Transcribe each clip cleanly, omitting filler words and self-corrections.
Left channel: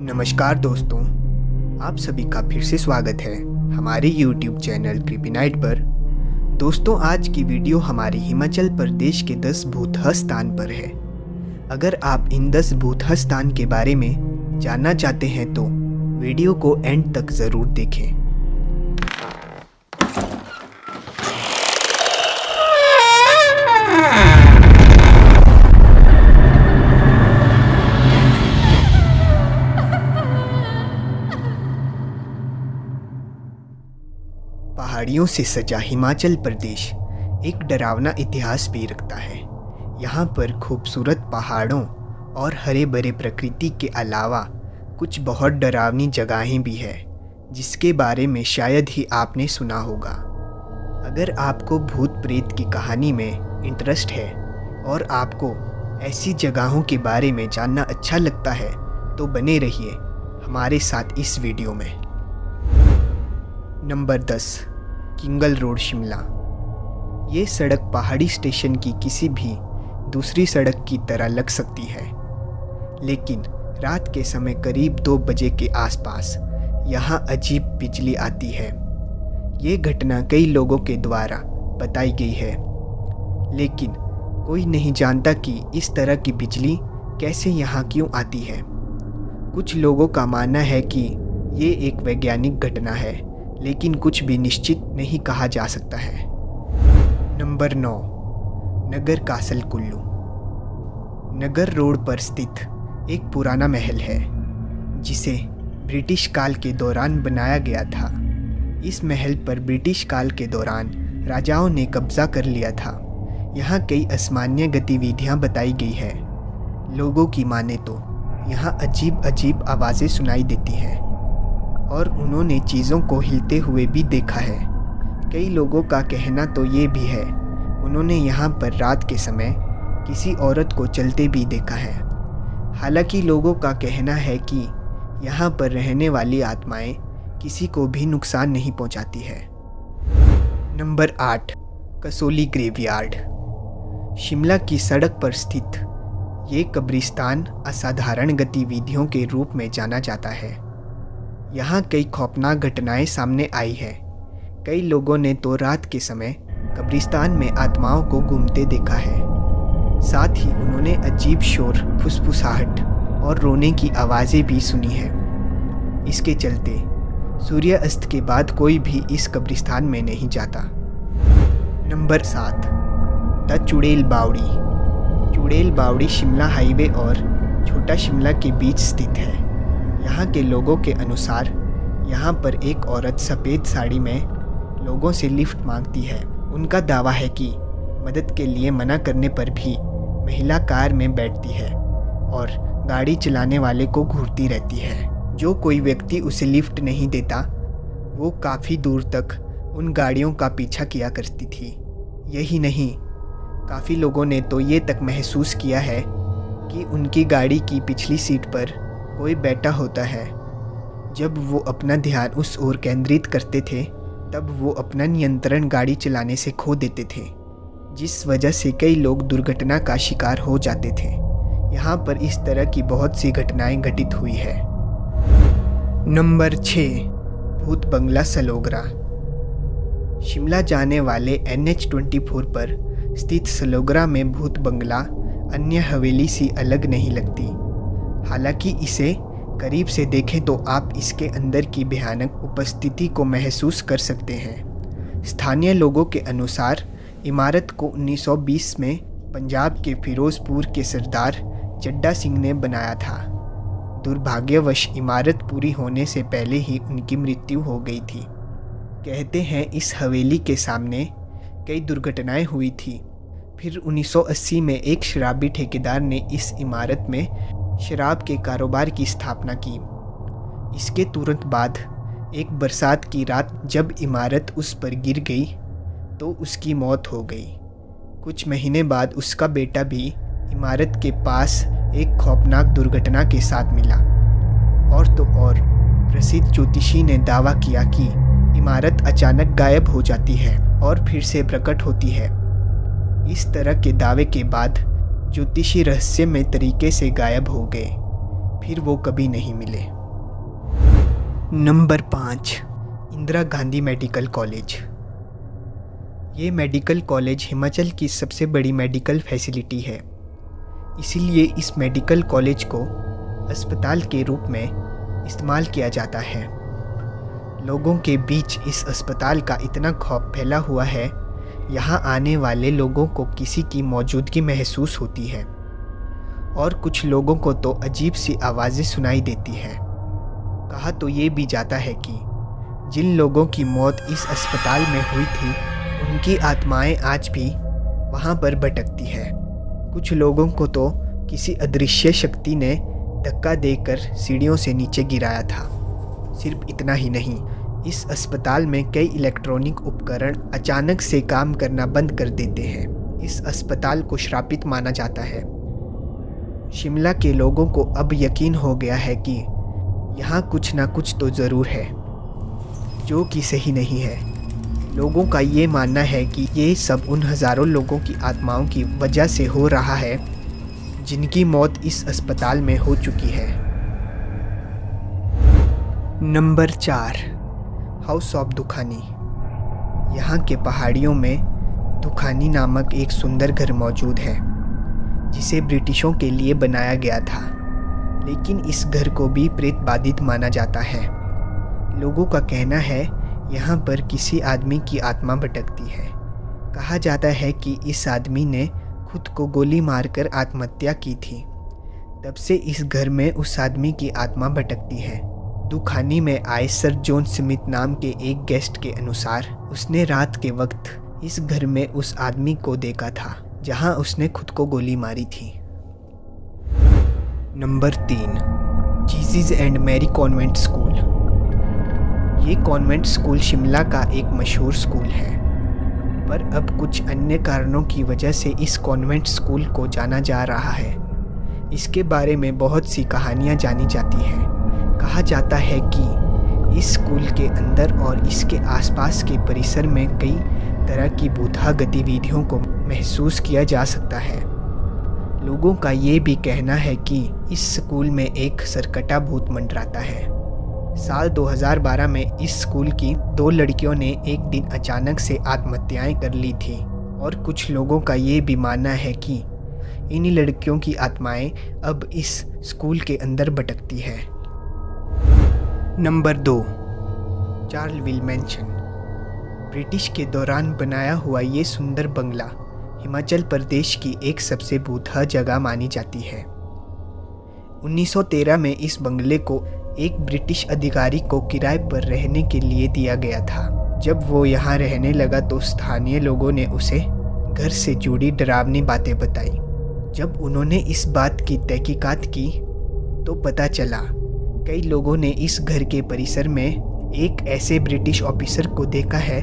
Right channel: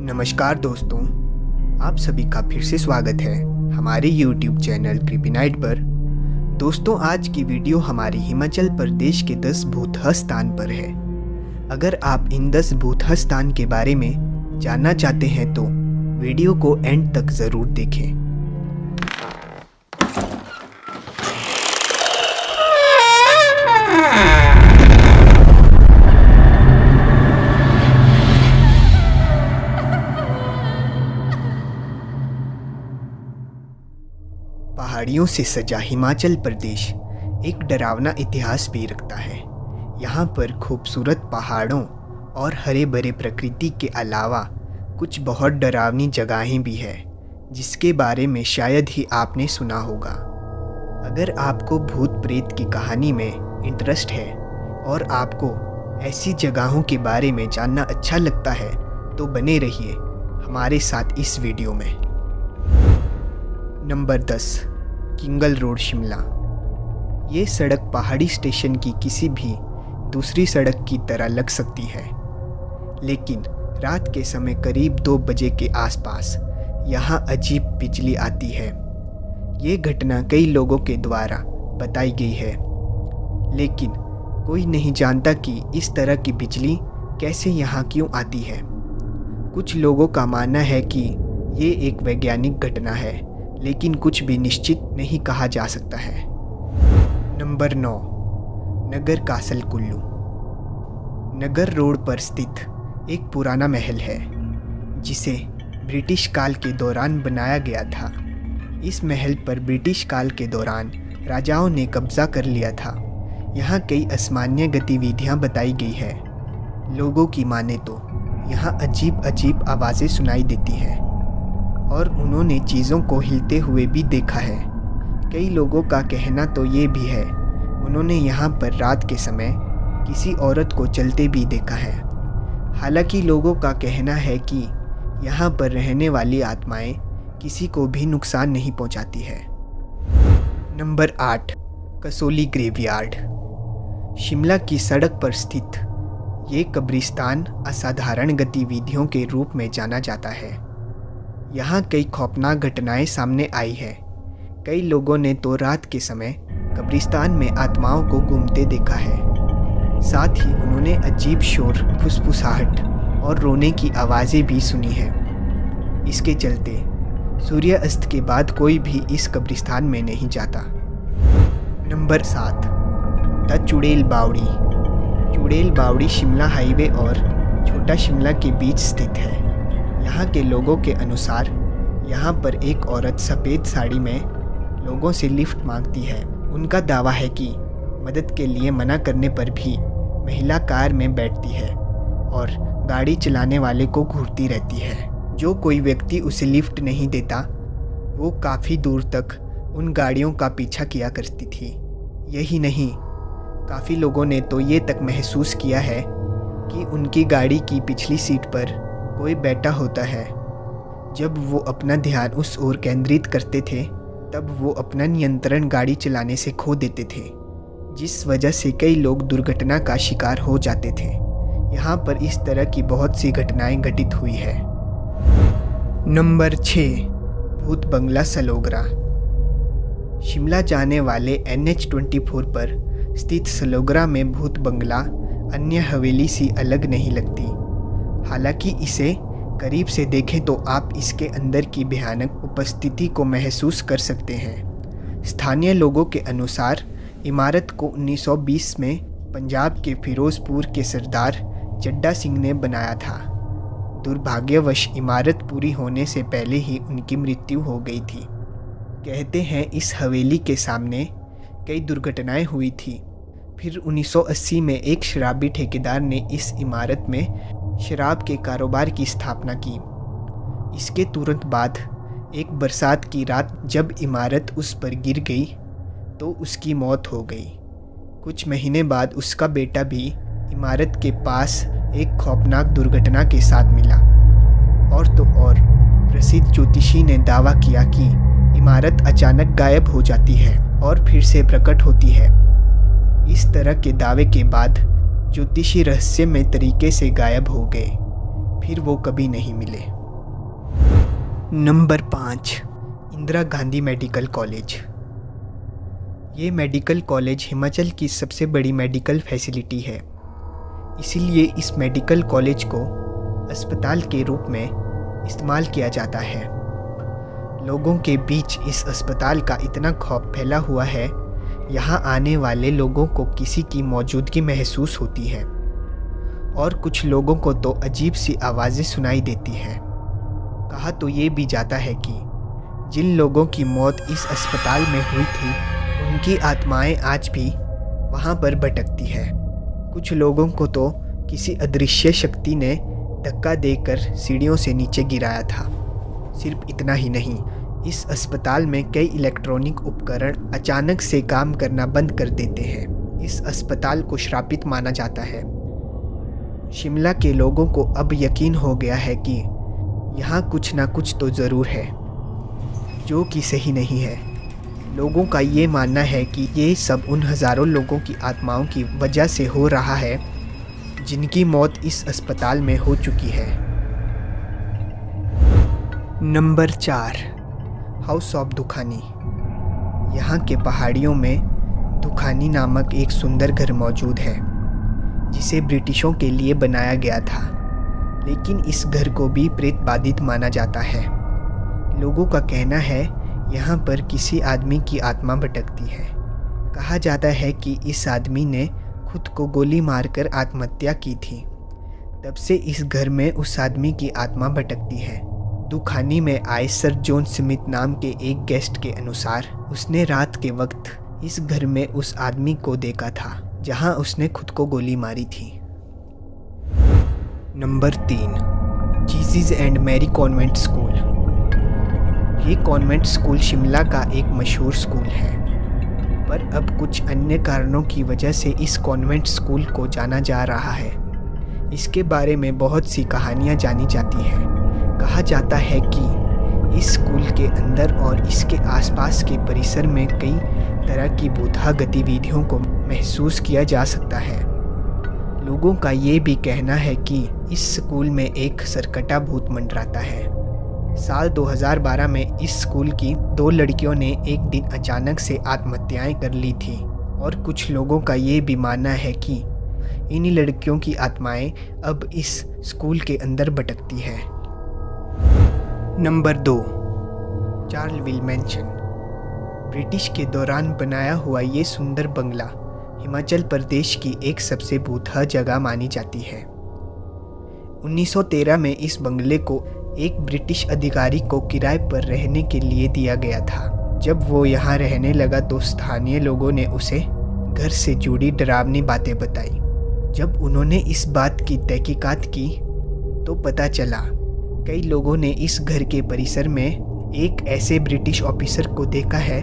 नमस्कार दोस्तों, आप सभी का फिर से स्वागत है हमारे YouTube चैनल क्रीपी नाइट पर। दोस्तों, आज की वीडियो हमारी हिमाचल प्रदेश के 10 भूतह स्थान पर है। अगर आप इन 10 भूतह स्थान के बारे में जानना चाहते हैं तो वीडियो को एंड तक ज़रूर देखें। पहाड़ियों से सजा हिमाचल प्रदेश एक डरावना इतिहास भी रखता है। यहाँ पर खूबसूरत पहाड़ों और हरे भरे प्रकृति के अलावा कुछ बहुत डरावनी जगहें भी हैं, जिसके बारे में शायद ही आपने सुना होगा। अगर आपको भूत प्रेत की कहानी में इंटरेस्ट है और आपको ऐसी जगहों के बारे में जानना अच्छा लगता है तो बने रहिए हमारे साथ इस वीडियो में। Number 10, Kingal road, Shimla. ये सड़क पहाड़ी स्टेशन की किसी भी दूसरी सड़क की तरह लग सकती है, लेकिन रात के समय करीब 2 बजे के आसपास यहाँ अजीब बिजली आती है। ये घटना कई लोगों के द्वारा बताई गई है, लेकिन कोई नहीं जानता कि इस तरह की बिजली कैसे यहाँ क्यों आती है। कुछ लोगों का मानना है कि ये एक वैज्ञानिक घटना है, लेकिन कुछ भी निश्चित नहीं कहा जा सकता है। नंबर 9, नगर कासल कुल्लू। नगर रोड पर स्थित एक पुराना महल है, जिसे ब्रिटिश काल के दौरान बनाया गया था। इस महल पर ब्रिटिश काल के दौरान राजाओं ने कब्जा कर लिया था। यहाँ कई असामान्य गतिविधियाँ बताई गई है। लोगों की माने तो यहाँ अजीब अजीब आवाज़ें सुनाई देती हैं और उन्होंने चीज़ों को हिलते हुए भी देखा है। कई लोगों का कहना तो ये भी है उन्होंने यहाँ पर रात के समय किसी औरत को चलते भी देखा है। हालांकि लोगों का कहना है कि यहाँ पर रहने वाली आत्माएं किसी को भी नुकसान नहीं पहुँचाती है। Number 8, Kasauli graveyard. शिमला की सड़क पर स्थित ये कब्रिस्तान असाधारण गतिविधियों के रूप में जाना जाता है। यहाँ कई खौफनाक घटनाएं सामने आई है। कई लोगों ने तो रात के समय कब्रिस्तान में आत्माओं को घूमते देखा है। साथ ही उन्होंने अजीब शोर, फुसफुसाहट और रोने की आवाज़ें भी सुनी हैं। इसके चलते सूर्यास्त के बाद कोई भी इस कब्रिस्तान में नहीं जाता। नंबर 7, द चुड़ैल बावड़ी। चुड़ैल बावड़ी शिमला हाईवे और छोटा शिमला के बीच स्थित है। यहाँ के लोगों के अनुसार यहाँ पर एक औरत सफ़ेद साड़ी में लोगों से लिफ्ट मांगती है। उनका दावा है कि मदद के लिए मना करने पर भी महिला कार में बैठती है और गाड़ी चलाने वाले को घूरती रहती है। जो कोई व्यक्ति उसे लिफ्ट नहीं देता वो काफ़ी दूर तक उन गाड़ियों का पीछा किया करती थी। यही नहीं, काफ़ी लोगों ने तो ये तक महसूस किया है कि उनकी गाड़ी की पिछली सीट पर कोई बैठा होता है। जब वो अपना ध्यान उस ओर केंद्रित करते थे तब वो अपना नियंत्रण गाड़ी चलाने से खो देते थे, जिस वजह से कई लोग दुर्घटना का शिकार हो जाते थे। यहाँ पर इस तरह की बहुत सी घटनाएं घटित हुई है। नंबर 6, भूत बंगला सलोगरा। शिमला जाने वाले NH24 पर स्थित सलोगरा में भूत बंगला अन्य हवेली सी अलग नहीं लगती। हालांकि इसे करीब से देखें तो आप इसके अंदर की भयानक उपस्थिति को महसूस कर सकते हैं। स्थानीय लोगों के अनुसार इमारत को 1920 में पंजाब के फिरोजपुर के सरदार चड्डा सिंह ने बनाया था। दुर्भाग्यवश इमारत पूरी होने से पहले ही उनकी मृत्यु हो गई थी। कहते हैं इस हवेली के सामने कई दुर्घटनाएं हुई थी। फिर 1980 में एक शराबी ठेकेदार ने इस इमारत में शराब के कारोबार की स्थापना की। इसके तुरंत बाद एक बरसात की रात जब इमारत उस पर गिर गई तो उसकी मौत हो गई। कुछ महीने बाद उसका बेटा भी इमारत के पास एक खौफनाक दुर्घटना के साथ मिला। और तो और प्रसिद्ध ज्योतिषी ने दावा किया कि इमारत अचानक गायब हो जाती है और फिर से प्रकट होती है। इस तरह के दावे के बाद ज्योतिषी रहस्यमय तरीके से गायब हो गए। फिर वो कभी नहीं मिले। Number 5, Indira Gandhi medical college. ये मेडिकल कॉलेज हिमाचल की सबसे बड़ी मेडिकल फैसिलिटी है, इसीलिए इस मेडिकल कॉलेज को अस्पताल के रूप में इस्तेमाल किया जाता है। लोगों के बीच इस अस्पताल का इतना खौफ फैला हुआ है, यहाँ आने वाले लोगों को किसी की मौजूदगी महसूस होती है और कुछ लोगों को तो अजीब सी आवाज़ें सुनाई देती है। कहा तो ये भी जाता है कि जिन लोगों की मौत इस अस्पताल में हुई थी, उनकी आत्माएं आज भी वहाँ पर भटकती है। कुछ लोगों को तो किसी अदृश्य शक्ति ने धक्का देकर सीढ़ियों से नीचे गिराया था। सिर्फ इतना ही नहीं, इस अस्पताल में कई इलेक्ट्रॉनिक उपकरण अचानक से काम करना बंद कर देते हैं। इस अस्पताल को श्रापित माना जाता है। शिमला के लोगों को अब यकीन हो गया है कि यहाँ कुछ ना कुछ तो ज़रूर है जो कि सही नहीं है। लोगों का ये मानना है कि ये सब उन हज़ारों लोगों की आत्माओं की वजह से हो रहा है जिनकी मौत इस अस्पताल में हो चुकी है। Number 4, house of Dukhani. यहाँ के पहाड़ियों में दुखानी नामक एक सुंदर घर मौजूद है जिसे ब्रिटिशों के लिए बनाया गया था, लेकिन इस घर को भी प्रेत बाधित माना जाता है। लोगों का कहना है यहाँ पर किसी आदमी की आत्मा भटकती है। कहा जाता है कि इस आदमी ने खुद को गोली मारकर आत्महत्या की थी। तब से इस घर में उस आदमी की आत्मा भटकती है। दुखानी में आए सर जॉन स्मिथ नाम के एक गेस्ट के अनुसार उसने रात के वक्त इस घर में उस आदमी को देखा था जहां उसने खुद को गोली मारी थी। Number 3, Jesus and Mary convent school. ये कॉन्वेंट स्कूल शिमला का एक मशहूर स्कूल है, पर अब कुछ अन्य कारणों की वजह से इस कॉन्वेंट स्कूल को जाना जा रहा है। इसके बारे में बहुत सी कहानियाँ जानी जाती हैं। कहा जाता है कि इस स्कूल के अंदर और इसके आसपास के परिसर में कई तरह की भूतहा गतिविधियों को महसूस किया जा सकता है। लोगों का ये भी कहना है कि इस स्कूल में एक सरकटा भूत मंडराता है। साल 2012 में इस स्कूल की 2 लड़कियों ने एक दिन अचानक से आत्महत्याएं कर ली थी और कुछ लोगों का ये भी मानना है कि इन्हीं लड़कियों की आत्माएं अब इस स्कूल के अंदर भटकती है। Number 2, चार्लविल mention. ब्रिटिश के दौरान बनाया हुआ ये सुंदर बंगला हिमाचल प्रदेश की एक सबसे भूतहा जगह मानी जाती है। 1913 में इस बंगले को एक ब्रिटिश अधिकारी को किराए पर रहने के लिए दिया गया था। जब वो यहाँ रहने लगा तो स्थानीय लोगों ने उसे घर से जुड़ी डरावनी बातें बताई। जब उन्होंने इस बात की तहकीकात की तो पता चला कई लोगों ने इस घर के परिसर में एक ऐसे ब्रिटिश ऑफिसर को देखा है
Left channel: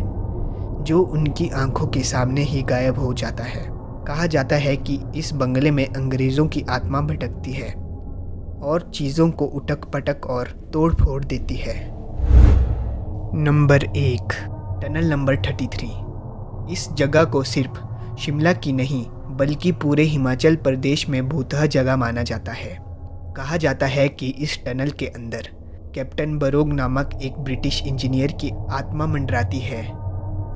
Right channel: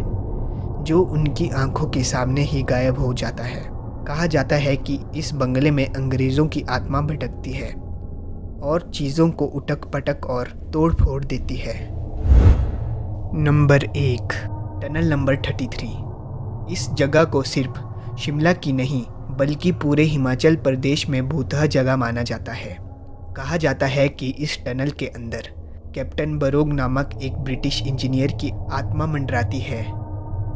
जो उनकी आंखों के सामने ही गायब हो जाता है। कहा जाता है कि इस बंगले में अंग्रेज़ों की आत्मा भटकती है और चीज़ों को उटक पटक और तोड़ फोड़ देती है। Number 1, tunnel number 33। इस जगह को सिर्फ शिमला की नहीं बल्कि पूरे हिमाचल प्रदेश में भूतहा जगह माना जाता है। कहा जाता है कि इस टनल के अंदर कैप्टन बरोग नामक एक ब्रिटिश इंजीनियर की आत्मा मंडराती है।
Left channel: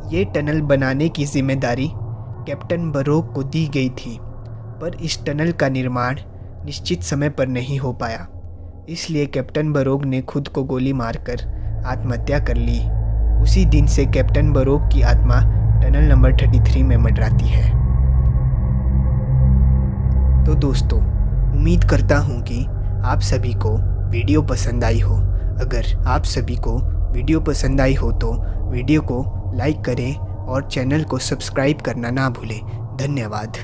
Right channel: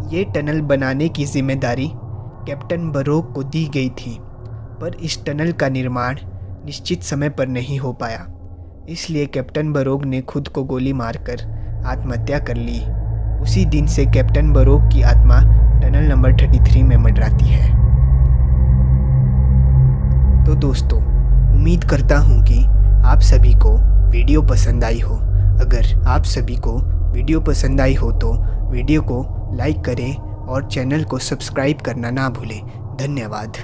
ये टनल बनाने की जिम्मेदारी कैप्टन बरोग को दी गई थी, पर इस टनल का निर्माण निश्चित समय पर नहीं हो पाया, इसलिए कैप्टन बरोग ने खुद को गोली मारकर आत्महत्या कर ली। उसी दिन से कैप्टन बरोग की आत्मा टनल नंबर 33 में मंडराती है। तो दोस्तों, उम्मीद करता हूँ कि आप सभी को वीडियो पसंद आई हो। अगर आप सभी को वीडियो पसंद आई हो तो वीडियो को लाइक करें और चैनल को सब्सक्राइब करना ना भूलें। धन्यवाद।